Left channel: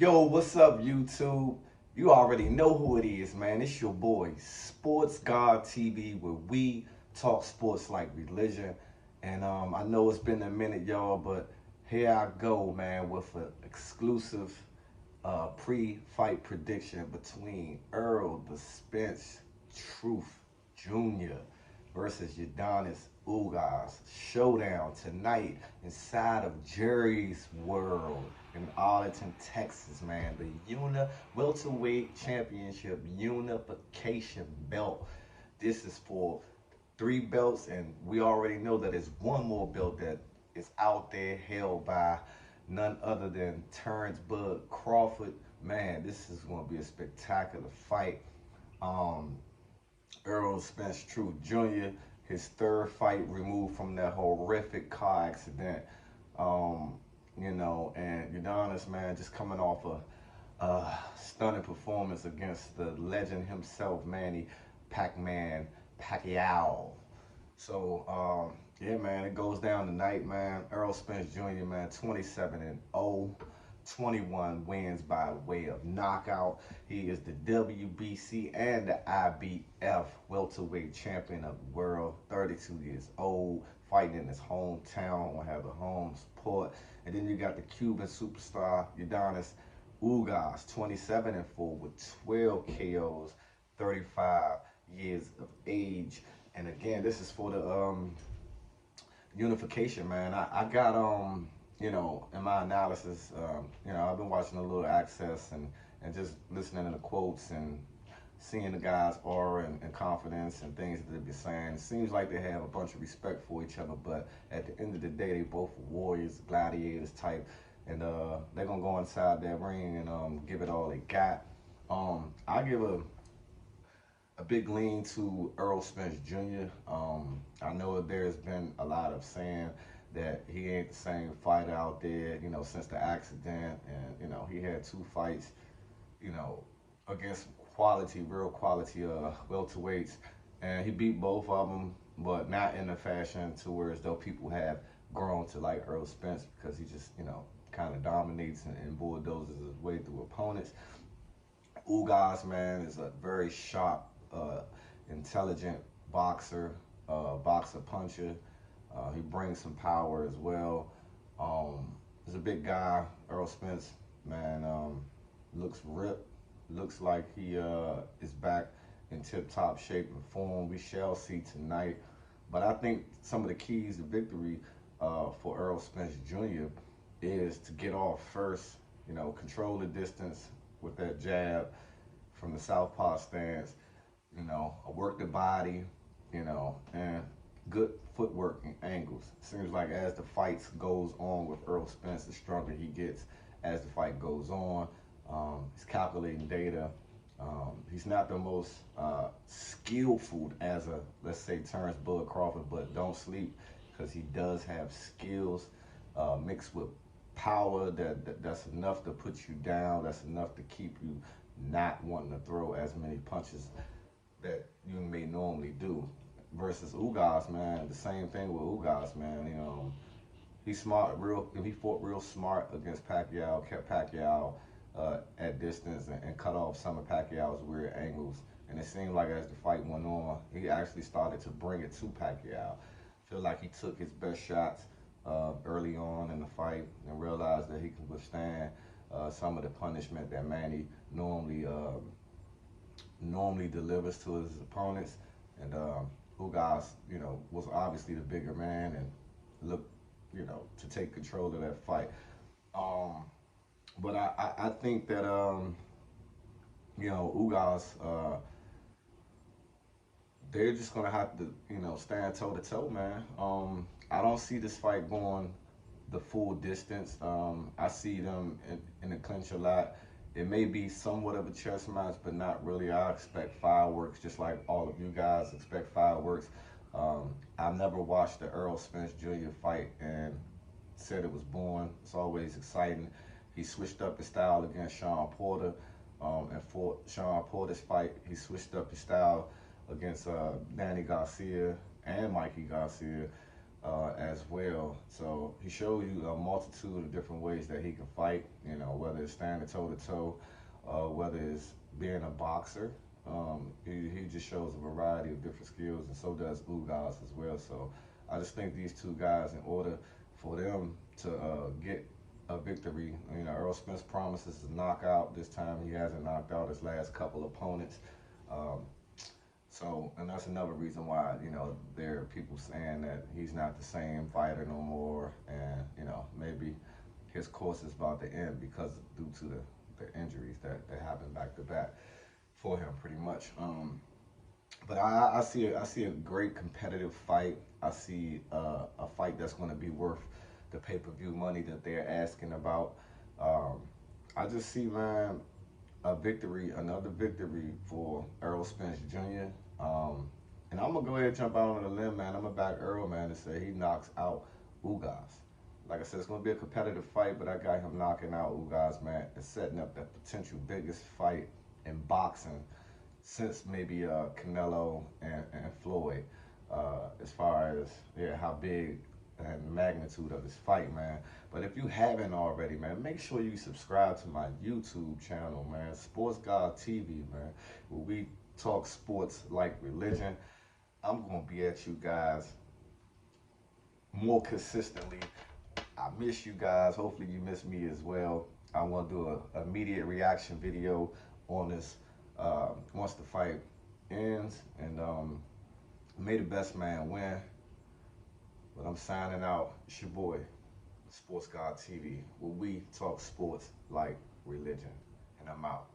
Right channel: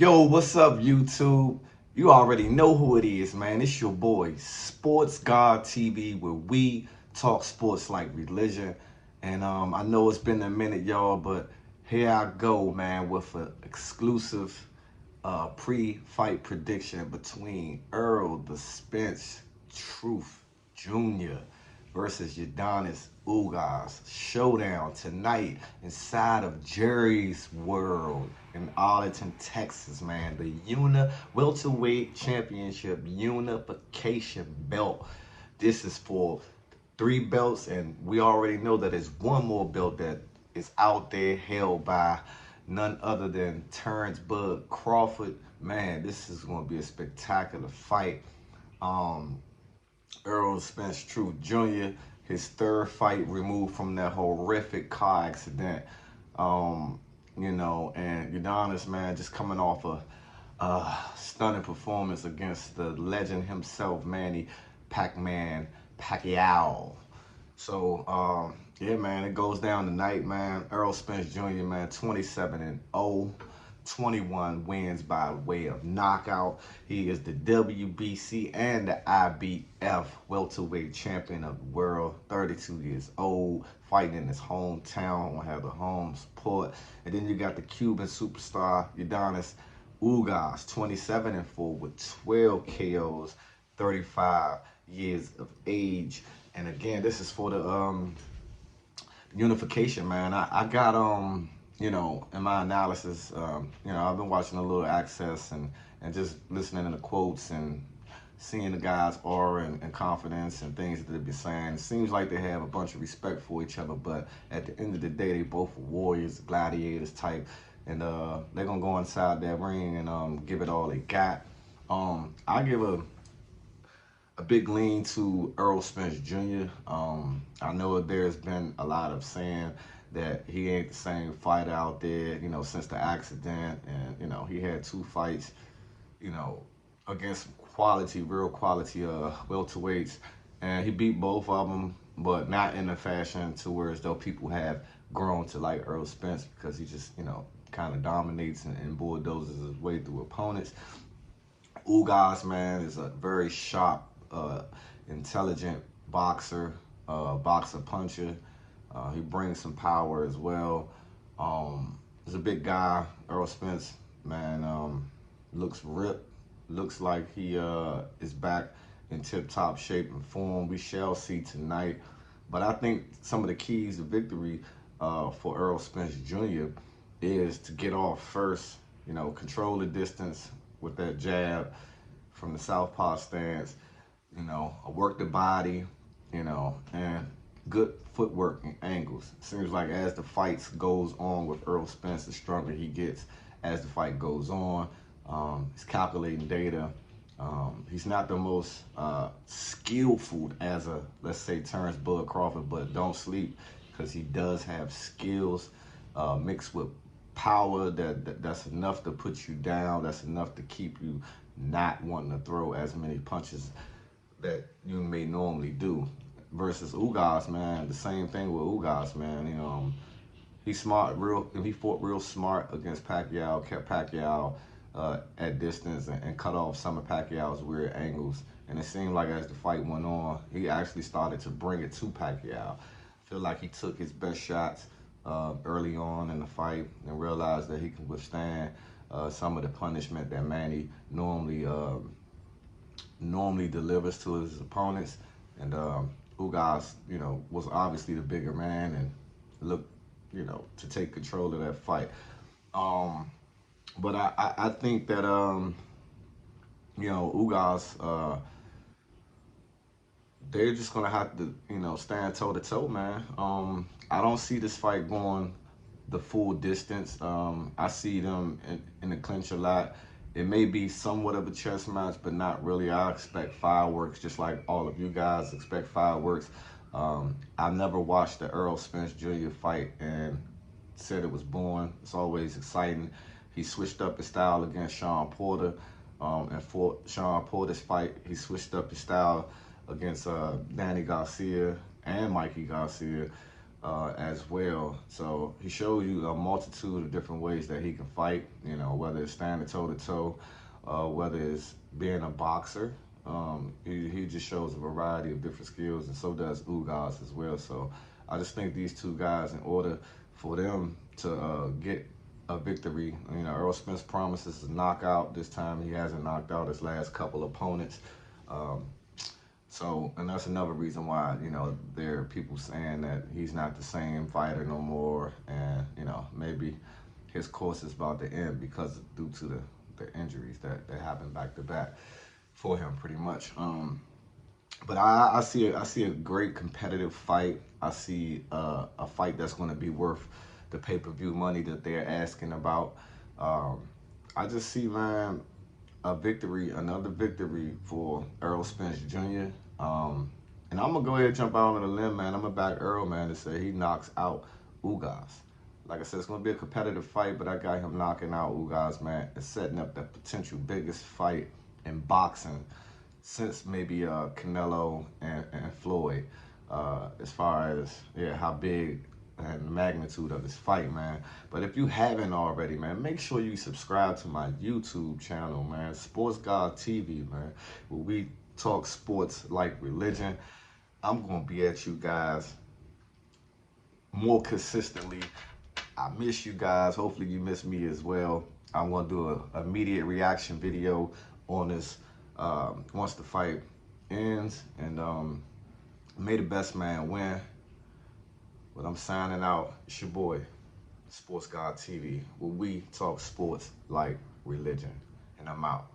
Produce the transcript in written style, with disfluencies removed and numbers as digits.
Yo, what's up, YouTube? You already know who it is, man. It's your boy, Sports God TV, where we talk sports like religion. And I know it's been a minute, y'all, but here I go, man, with an exclusive pre-fight prediction between Errol the Spence Truth Jr. versus Yordenis Ugas. Showdown tonight inside of Jerry's World in Arlington, Texas, man. The welterweight championship unification belt. This is for three belts, and we already know that there's one more belt that is out there held by none other than Terrence Bud Crawford. Man, this is going to be a spectacular fight. Um, Errol Spence Truth Jr., his third fight removed from that horrific car accident. Um, and Udonis, man, just coming off a stunning performance against the legend himself, Manny Pac-Man Pacquiao. So, yeah, man, it goes down tonight, man. Errol Spence Jr., man, 27-0, 21 wins by way of knockout. He is the WBC and the IBF welterweight champion of the world, 32 years old, fighting in his hometown, will have the home support. And then you got the Cuban superstar, Yordenis Ugas, 27-4 with 12 KOs, 35 years of age. And again, this is for the unification, man. I got in my analysis, I've been watching a little access and just listening to the quotes and seeing the guys' aura and confidence and things that they've been saying. It seems like they have a bunch of respect for each other, but at the end of the day, they both are warriors, gladiators type, and they're gonna go inside that ring and give it all they got. I give a big lean to Errol Spence Jr. I know there's been a lot of saying that he ain't the same fighter out there, since the accident, and he had two fights, you know, against quality, real quality welterweights, and he beat both of them, but not in a fashion to where as though people have grown to like Errol Spence because he just, kind of dominates and bulldozes his way through opponents. Ugas, man, is a very sharp, intelligent boxer, boxer puncher. He brings some power as well. He's a big guy. Errol Spence, man, looks ripped. Looks like he is back in tip-top shape and form. We shall see tonight. But I think some of the keys to victory for Errol Spence Jr. is to get off first, control the distance with that jab from the southpaw stance, work the body, and good footwork and angles. Seems like as the fights goes on with Errol Spence, the stronger he gets as the fight goes on. He's calculating data. He's not the most skillful as a, let's say, Terrence Bud Crawford, but don't sleep because he does have skills mixed with power that's enough to put you down. That's enough to keep you not wanting to throw as many punches that you may normally do. Versus Ugas, man, the same thing with Ugas, man. He's smart, he fought real smart against Pacquiao, kept Pacquiao at distance and cut off some of Pacquiao's weird angles. And it seemed like as the fight went on, he actually started to bring it to Pacquiao. I feel like he took his best shots early on in the fight and realized that he can withstand some of the punishment that Manny normally delivers to his opponents. And Ugas, was obviously the bigger man and looked, to take control of that fight. Um, but I think that Ugas, they're just gonna have to, stand toe to toe, man. I don't see this fight going the full distance. I see them in the clinch a lot. It may be somewhat of a chess match, but not really. I expect fireworks, just like all of you guys expect fireworks. I've never watched the Errol Spence Jr. fight and said it was boring. It's always exciting. He switched up his style against Sean Porter. And for Sean Porter's fight, he switched up his style against Danny Garcia and Mikey Garcia. as well. So he shows you a multitude of different ways that he can fight. You know, whether it's standing toe to toe, whether it's being a boxer. He just shows a variety of different skills, and so does Ugas as well. So I just think these two guys, in order for them to get a victory, you know, Errol Spence promises a knockout. This time he hasn't knocked out his last couple opponents. Um, so, and that's another reason why, you know, there are people saying that he's not the same fighter no more, and you know, maybe his course is about to end because due to the injuries that happened back to back for him, pretty much. But I see a great competitive fight. I see a fight that's going to be worth the pay-per-view money that they're asking about. Um, I just see, man, a victory, another victory for Errol Spence Jr. Um, and I'm gonna go ahead and jump out on a limb, man. I'm gonna back Errol, man, to say he knocks out Ugas. Like I said, it's gonna be a competitive fight, but I got him knocking out Ugas, man, and setting up the potential biggest fight in boxing since maybe Canelo and Floyd. As far as how big and the magnitude of this fight, man. But if you haven't already, man, make sure you subscribe to my YouTube channel, man, Sports God TV, man, where we talk sports like religion. I'm gonna be at you guys more consistently. I miss you guys. Hopefully you miss me as well. I'm gonna do a immediate reaction video on this once the fight ends, and may the best man win. But I'm signing out. It's your boy, Sports God TV, where we talk sports like religion. And I'm out.